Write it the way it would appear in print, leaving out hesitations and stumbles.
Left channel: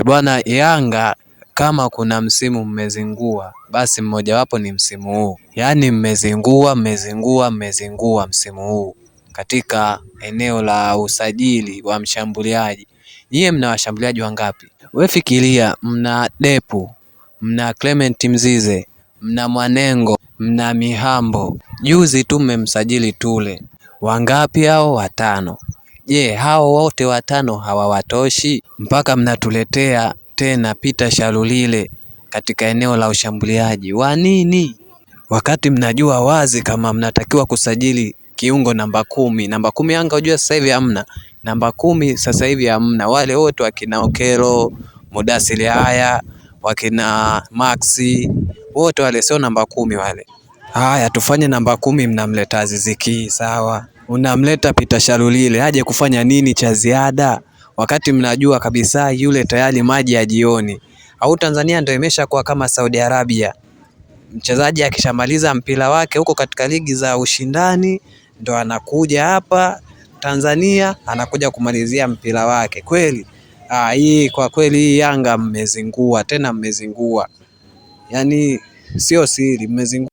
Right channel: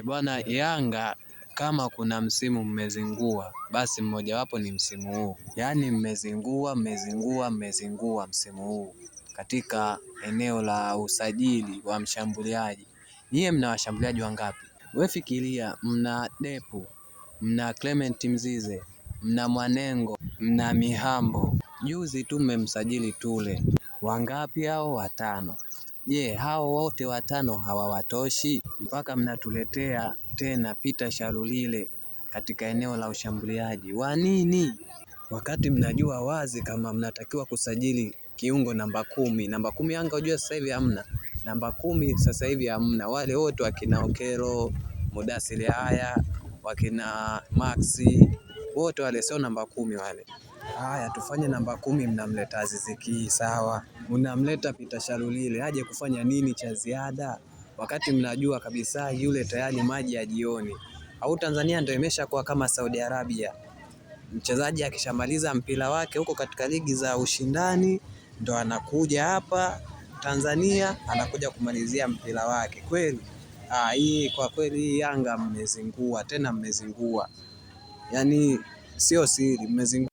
Bwana, Yanga kama kuna msimu mmezingua, basi mmojawapo ni msimu huu. Yaani mmezingua msimu huu katika eneo la usajili wa mshambuliaji. Nyie mna washambuliaji wangapi? Wewe fikiria, mna Depu, mna Clement Mzize, mna Mwanengo, mna Mihambo. Juzi tu mmemsajili Tule. Wangapi hao? 5. Je, hao wote 5 hawawatoshi? Mpaka mnatuletea tena Peter Shalulile katika eneo la ushambuliaji. Wa nini? Wakati mnajua wazi kama mnatakiwa kusajili kiungo namba 10. Namba 10 Yanga unajua sasa hivi hamna. Namba 10 sasa hivi hamna. Wale wote wakina Okelo, Mudasili haya, wakina Maxi, wote wale sio namba 10 wale. Haya, tufanye namba 10, mnamleta Aziz Ki, sawa. Unamleta Peter Shalulile aje kufanya nini cha ziada, wakati mnajua kabisa yule tayari maji ya jioni. Au Tanzania ndio imeshakuwa kama Saudi Arabia, mchezaji akishamaliza mpira wake huko katika ligi za ushindani ndo anakuja hapa Tanzania anakuja kumalizia mpira wake. Kweli hii kwa kweli hii Yanga mmezingua, tena mmezingua, yaani sio siri, mmezingua.